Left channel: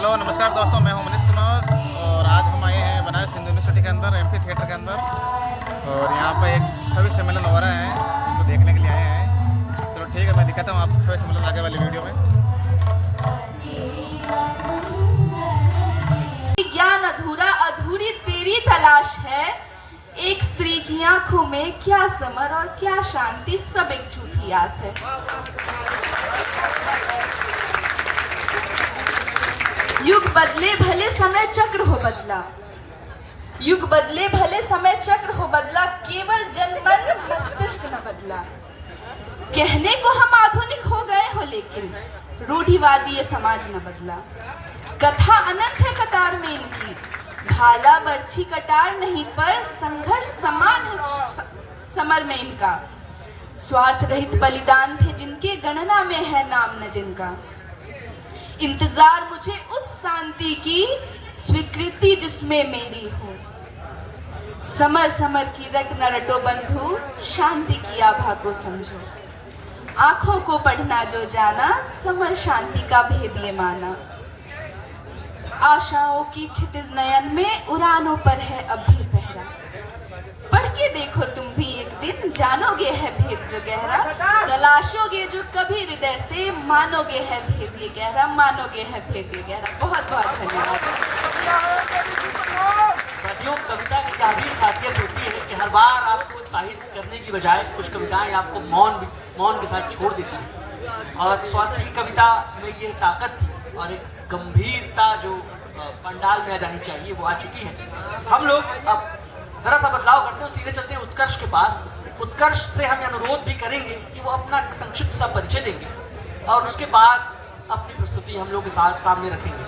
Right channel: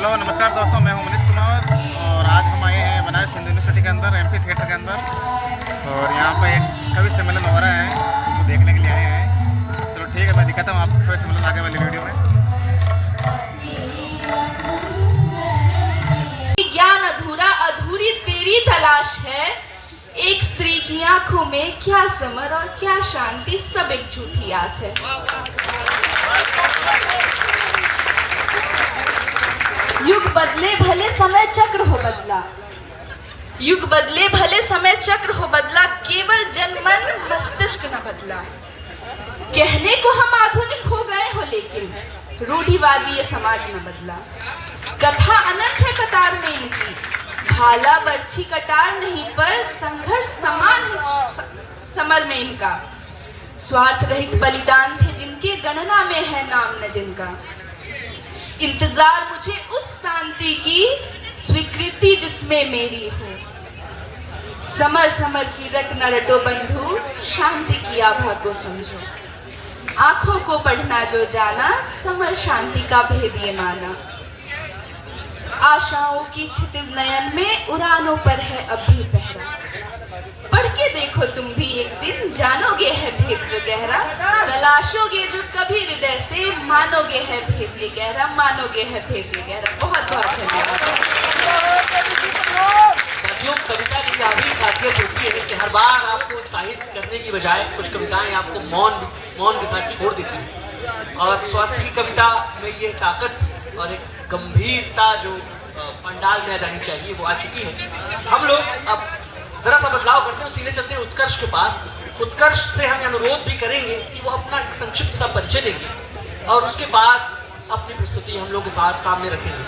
Hello नमस्कार दोस्तों, मैं हूं मनीष कुमार और आज हम आए हैं बनारस हिंदू यूनिवर्सिटी के अंदर एमपी थिएटर के अंदर। और यहाँ पर एक कवि सम्मेलन हो रहा है, उसको देखने के लिए आए हैं। चलो ठीक है, मैं दिखाता हूँ आपको कवि सम्मेलन आगे वाली वीडियो में। ज्ञान अधूरा अधूरी तेरी तलाश है, एक स्त्री की आंखों में क्या समर और क्या शांति, सब एक झूठी आस है। युग बदले भले समय चक्र हो बदला, युग बदले भले समय चक्र हो बदला, केवल जनमन मस्तिष्क न बदला। कहने को हम आधुनिक हो गए हो, लेकिन रूढ़िवादी ये समाज न बदला। कथा अनंत है कतार में इनकी, भाला बर्छी कटार नहीं पर संघर्ष समान है समर में इनका। स्वार्थ रहित बलिदान थे जिनके, गणना में है नाम न जिनका। इंतजार मुझे उस शांति की, स्वीकृति जिसमें मेरी हो। समर समर की रट न रटो बंधु, शांति की आभा को समझो। आंखों को पढ़ना जो जाना, समर शांति का भेद ये माना। आशाओं की क्षितिज नयन में उड़ानों पर है अब भी पहरा। पढ़ के देखो तुम भी एक दिन, जानोगे है भेद जो गहरा। तलाशोगे जो कभी हृदय से, मानोगे है भेद ये गहरा, मानोगे है भेद ये गहरा। बहुत बहुत धन्यवाद। साथियों, कविता की क्या भी खासियत होती है कि हर बार आपको उत्साहित करने की बजाय कुछ कविताएं आपको मौन के साथ छोड़ देती हैं। और स्वास्थ्य की कविता में ये ताकत थी और एक गंभीरता जो पंडाल में आ जानी चाहिए वो आ चुकी है। हम लोग अब जरा सा बदलाव करते हैं, सीधे चलते हैं उत्कर्ष के पास। उत्कर्ष से हम अनुरोध भी करेंगे कि वो अपना संक्षिप्त सा परिचय देंगे और उसके बाद अपनी प्रस्तुति हम लोग के साथ सामने रखेंगे।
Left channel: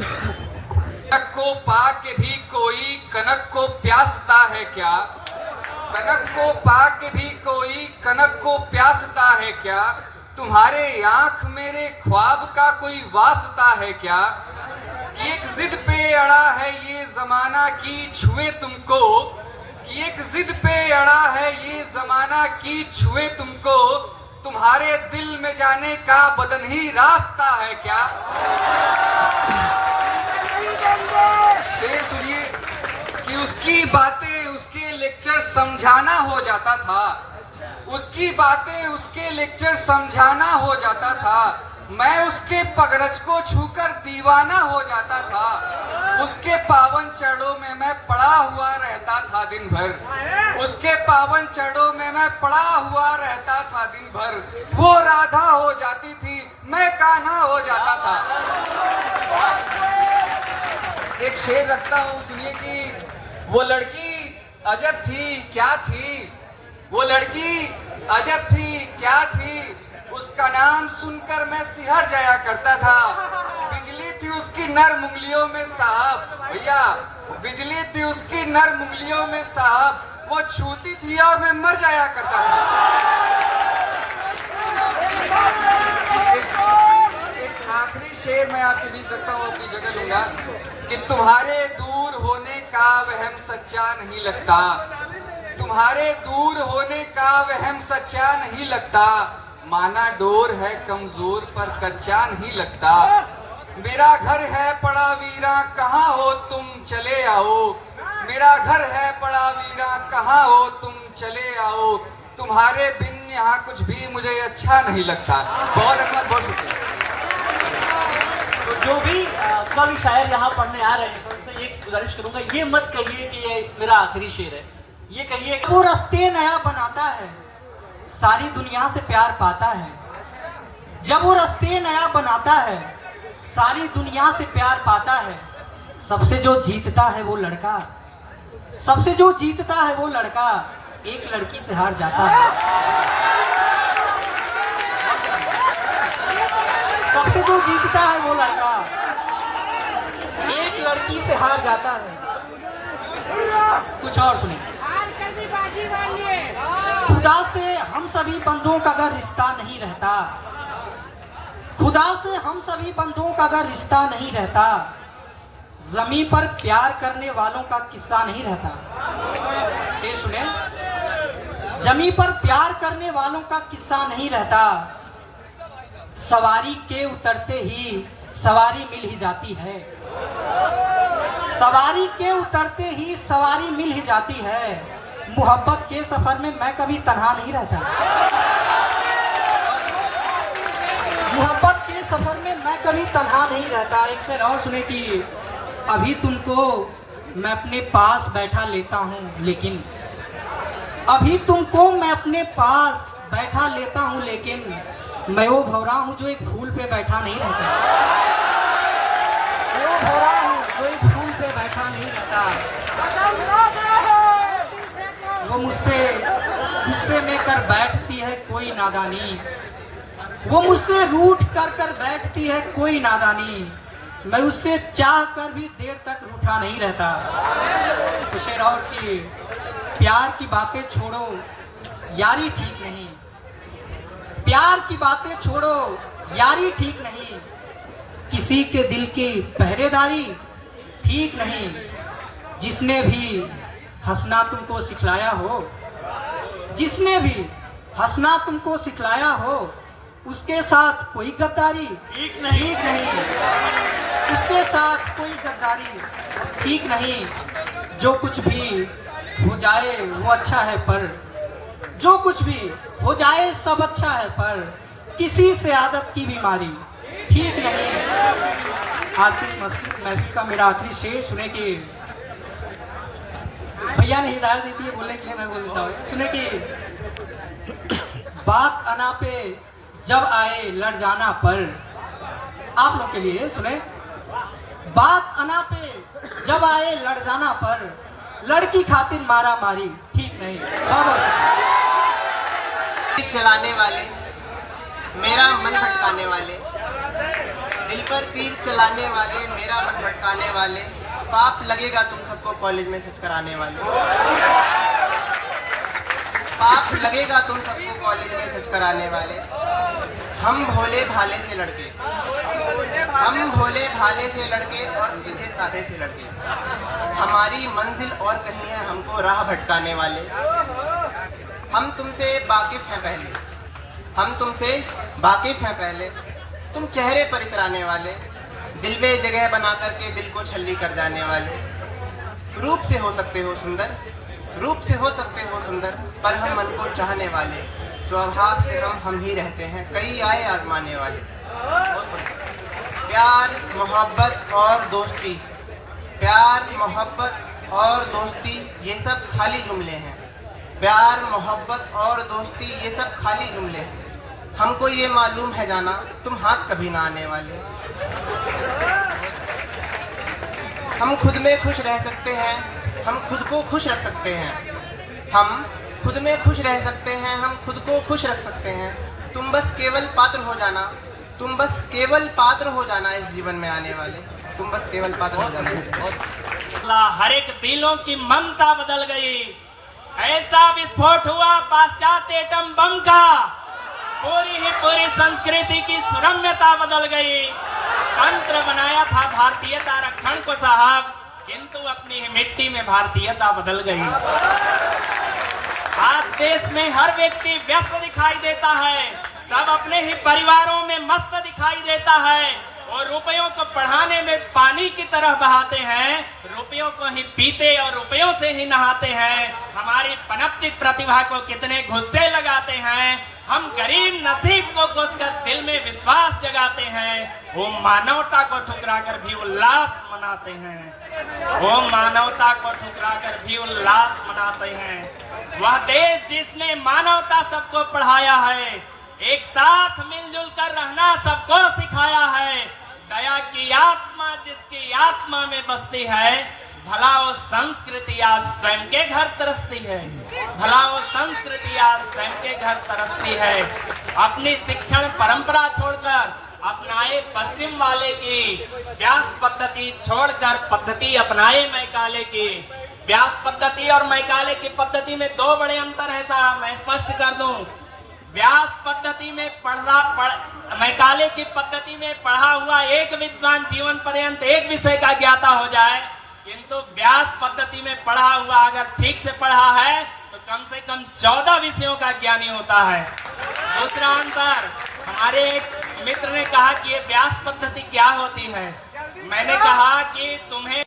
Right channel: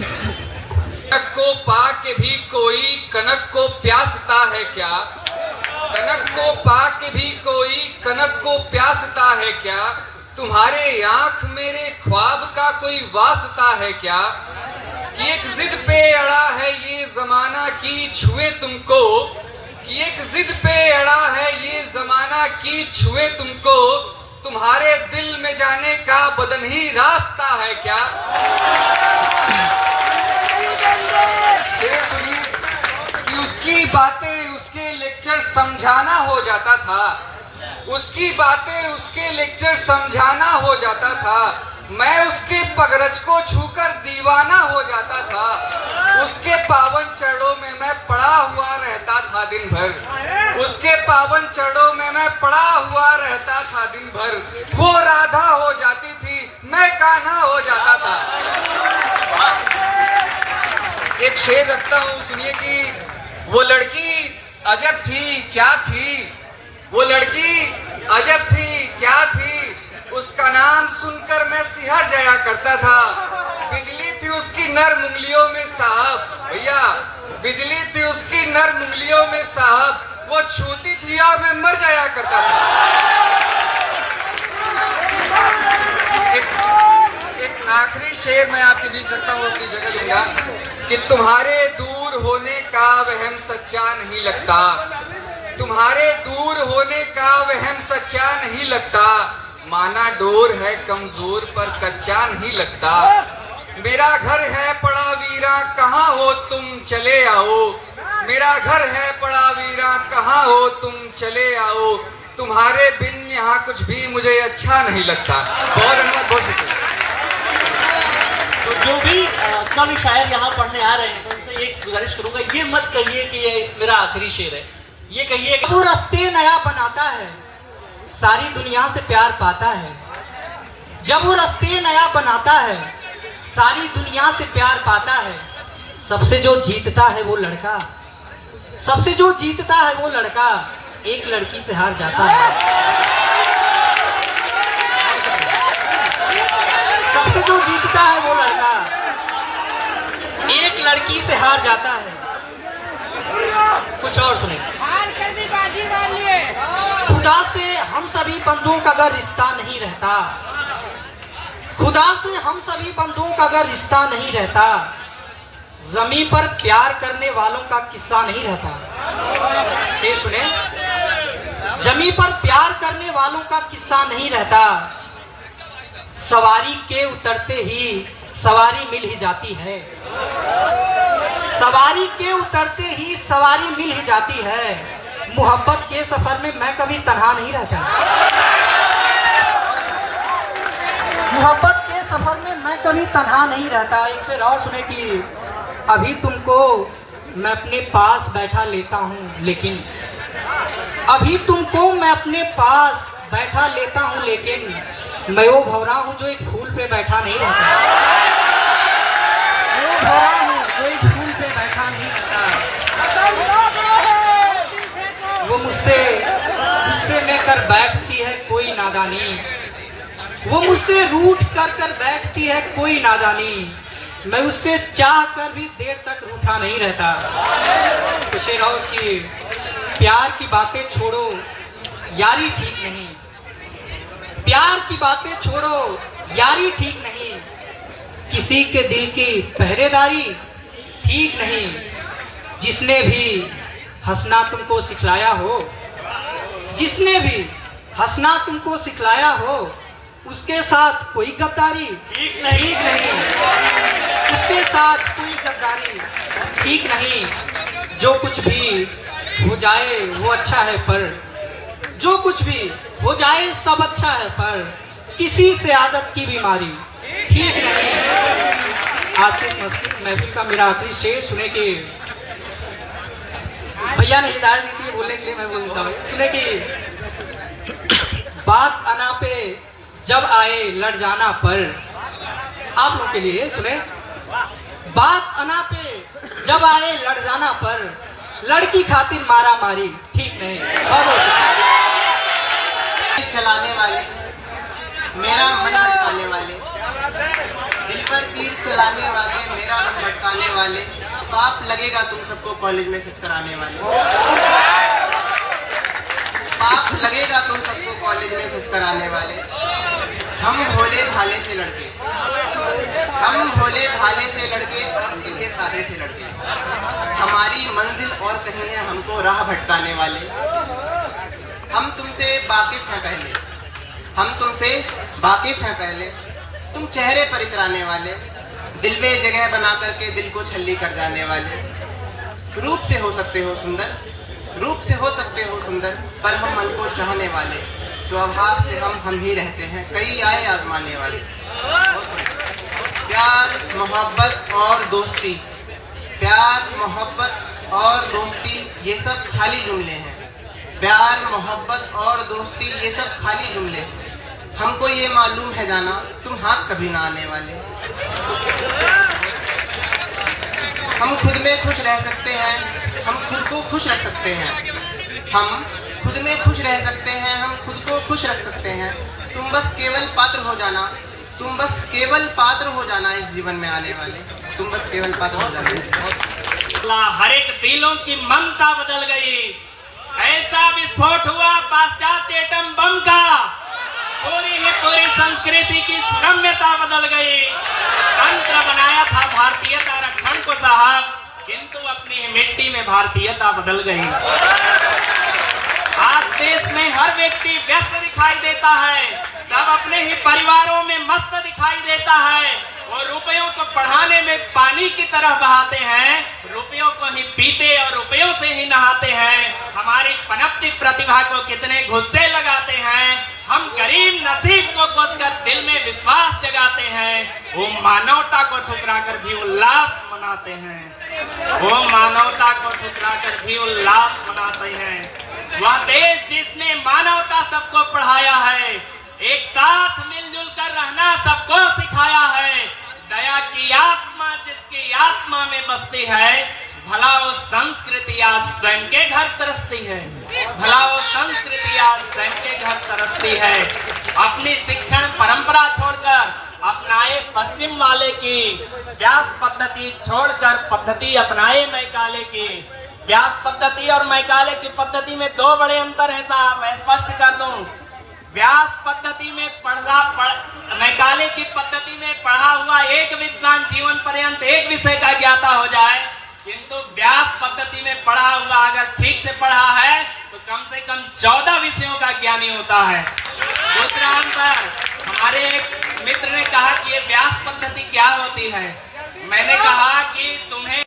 कनक को पा के भी कोई कनक को प्यासता है क्या? कनक को पा के भी कोई कनक को प्यासता है क्या? तुम्हारे आंख मेरे ख्वाब का कोई वास्ता है क्या? कि एक जिद पे अड़ा है ये जमाना की छुए तुमको, कि एक जिद पे अड़ा है ये जमाना की छुए तुमको, तुम्हारे दिल में जाने का बदन ही रास्ता है क्या? शेर सुनिए कि उसकी बातें उसके लेक्चर समझाना हो जाता था, उसकी बातें उसके लेक्चर समझाना हो जाता था। मैं उसके पगरज को छूकर दीवाना हो जाता था, उसके पावन चरणों में मैं पड़ा हुआ रहता था दिन भर, उसके पावन चरणों में मैं पड़ा हुआ रहता था दिन भर। वो राधा हो जाती थी, मैं कान्हा हो जाता था। एक शेर रखता हूँ, सुनिए कि वो लड़की अजब थी क्या थी, वो लड़की अजब थी क्या थी, उसका नाम सुनकर मैं सिहर जाया करता था। बिजली थी उसकी नर्म उंगलियों में साहब, भैया बिजली थी उसकी नर्म उंगलियों में साहब, वो छूती थी और मैं मर जाया करता था। एक आखिरी शेर मैं आपके बीच रखता हूँ, अपनी जगह लूंगा कि तुम्हारे दूर होने का वहम सच्चा नहीं लगता, तुम्हारे दूर होने का वहम सच्चा नहीं लगता। माना डोर है कमजोर पर कच्चा नहीं लगता। मेरा घर है पड़ा वीरा, कहाँ हो तुम चले आओ, मेरा घर है पड़ा वीरा, कहाँ हो तुम चले आओ, तुम्हारे बिन यहाँ कुछ भी मुझे अच्छा नहीं लगता। बहुत धन्यवाद, बहुत शुक्रिया। तो जो भी कवि शायर यहाँ पढ़ने आ रहे हैं तो उनसे एक गुजारिश करूंगा, ये मत कहिए कि ये मेरा आखिरी शेर है, ये कहिए वो रास्ते नया बनाता है, सारी दुनिया से प्यार पाता है। जब वो रास्ते नया बनाता है, सारी दुनिया से प्यार पाता है। सबसे जो जीतता है वो लड़का, सबसे जो जीतता है वो लड़का, एक लड़की से हार जाता है। सबसे जो जीतता है वो लड़का, एक लड़की से हार जाता है। कुछ और सुने। खुदा से हम सभी बंधुओं का अगर रिश्ता नहीं रहता, खुदा से हम सभी बंधुओं का अगर रिश्ता नहीं रहता, जमीन पर प्यार करने वालों का किस्सा नहीं रहता। शेर सुने, जमीन पर प्यार करने वालों का किस्सा नहीं रहता। सवारी के उतरते ही सवारी मिल ही जाती है। सवारी के उतरते ही सवारी मिल ही जाती है। मोहब्बत के सफर में मैं कभी तन्हा नहीं रहता। मोहब्बत के सफर में मैं कभी तन्हा नहीं रहता। एक शेर और सुने कि अभी तुमको मैं अपने पास बैठा लेता हूँ लेकिन, अभी तुमको मैं अपने पास बैठा लेता हूँ लेकिन मैं वो भौरा हूँ जो एक फूल पे बैठा नहीं रहता। वो भौरा हूँ जो एक फूल पे बैठा नहीं रहता। वो मुझसे में कर बैठती है कोई नादानी। वो मुझसे रूठ कर कर बैठती है कोई नादानी। मैं उससे चाह कर भी देर तक रूठा नहीं रहता। तो शेर और की प्यार की बातें छोड़ो यारी ठीक नहीं। प्यार की बातें छोड़ो यारी ठीक नहीं। किसी के दिल की पहरेदारी ठीक नहीं। जिसने भी हंसना तुमको सिखलाया हो, जिसने भी हंसना तुमको सिखलाया हो, उसके साथ कोई गद्दारी ठीक नहीं। उसके साथ कोई गद्दारी ठीक नहीं। जो कुछ भी हो जाए वो अच्छा है, पर जो कुछ भी हो जाए सब अच्छा है, पर किसी से आदत की बीमारी ठीक नहीं। आशीष मस्जिद महफिल का मेरा आखिरी शेर सुने कि भैया ने हिदायत दी थी बोलने के लिए, मैं बोल देता हूँ। सुने कि बात अना पे जब आए लड़ जाना पर, आप लोग के लिए सुने, बात अना पे जब आए लड़ जाना पर, लड़की खातिर मारा मारी ठीक नहीं। चलाने वाले, मेरा मन भटकाने वाले, दिल पर तीर चलाने वाले, मेरा मन भटकाने वाले, पाप लगेगा तुम सबको कॉलेज में सच कराने वाले। पाप लगेगा तुम सबको कॉलेज में सच कराने वाले। हम भोले भाले से लड़के, हम भोले भाले से लड़के और सीधे साधे से लड़के, हमारी मंजिल और कहीं है हमको राह भटकाने वाले। हम तुमसे वाकिफ हैं पहले, हम तुमसे वाकिफ हैं पहले, तुम चेहरे पर इतराने वाले, दिल में जगह बना करके दिल को छल्ली कर जाने वाले। रूप से हो सकते हो सुंदर, रूप से हो सकते हो सुंदर, पर हम मन को चाहने वाले, स्वभाव से हम ही रहते हैं, कई आए आजमाने वाले। प्यार मोहब्बत और दोस्ती, प्यार मोहब्बत और दोस्ती ये सब खाली जुमले हैं। प्यार मोहब्बत और दोस्ती ये सब खाली जुमले हैं। हमको ये मालूम है जाना तुम हाथ कभी ना आने वाले। हम खुद में खुश रह सकते हैं, हम खुद को खुश रख सकते हैं, हम खुद में खुश रह सकते हैं, हम खुद को खुश रख सकते हैं। तुम बस केवल पात्र हो जाना, तुम बस केवल पात्र हो जाना इस जीवन में आने वाले, तुम बस केवल पात्र हो जाना। हर एक दिलों की ममता बदल गई, ऐसा विस्फोट हुआ पाश्चात्य एटम बम का, पूरी संस्कृति की रम्यता बदल गई। तंत्र बनाया था भारतीयता रक्षण को साहब, किंतु अपनी मिट्टी में भारतीयता बदल गई। आज देश में हर व्यक्ति व्यस्त दिखाई देता है, सब अपने ही परिवारों में मस्त दिखाई देता है, और रुपयों को पढ़ाने में पानी की तरह बहाते हैं, रुपयों को ही पीते और रुपयों से ही नहाते हैं। हमारी पनपती प्रतिभा को कितने गुस्से लगाते हैं, हम गरीब नसीब को घुसकर दिल में विश्वास जगाते हैं। वो मानवता को ठुकराकर भी उल्लास मनाते हैं, वो मानवता को ठुकराकर भी उल्लास मनाते हैं। वह देश जिसने मानवता सबको पढ़ाया है, एक साथ मिलजुल कर रहना सबको सिखाया है, दया की आत्मा जिसकी आत्मा में बसती है, भला वो संस्कृति आज स्वयं के घर तरसती है, भला वो संस्कृति आज स्वयं के घर तरसती है। अपनी शिक्षण परंपरा छोड़कर अपनाए पश्चिम वाले की व्यास पद्धति छोड़कर पद्धति अपनाए मैकाले की। व्यास पद्धति और मैकाले की पद्धति में दो बड़े अंतर है साहब, मैं स्पष्ट कर दूं। व्यास पद्धति में मैकाले की पद्धति में पढ़ा हुआ एक विद्वान जीवन पर्यंत एक विषय का ज्ञाता हो जाए, किंतु व्यास पद्धति में पढ़ा हुआ अगर ठीक से पढ़ा है तो कम से कम 14 विषयों का ज्ञानी होता है। दूसरा अंतर, हमारे मित्र ने कहा कि ये व्यास पद्धति क्या होती है। मैंने कहा कि तुम्हें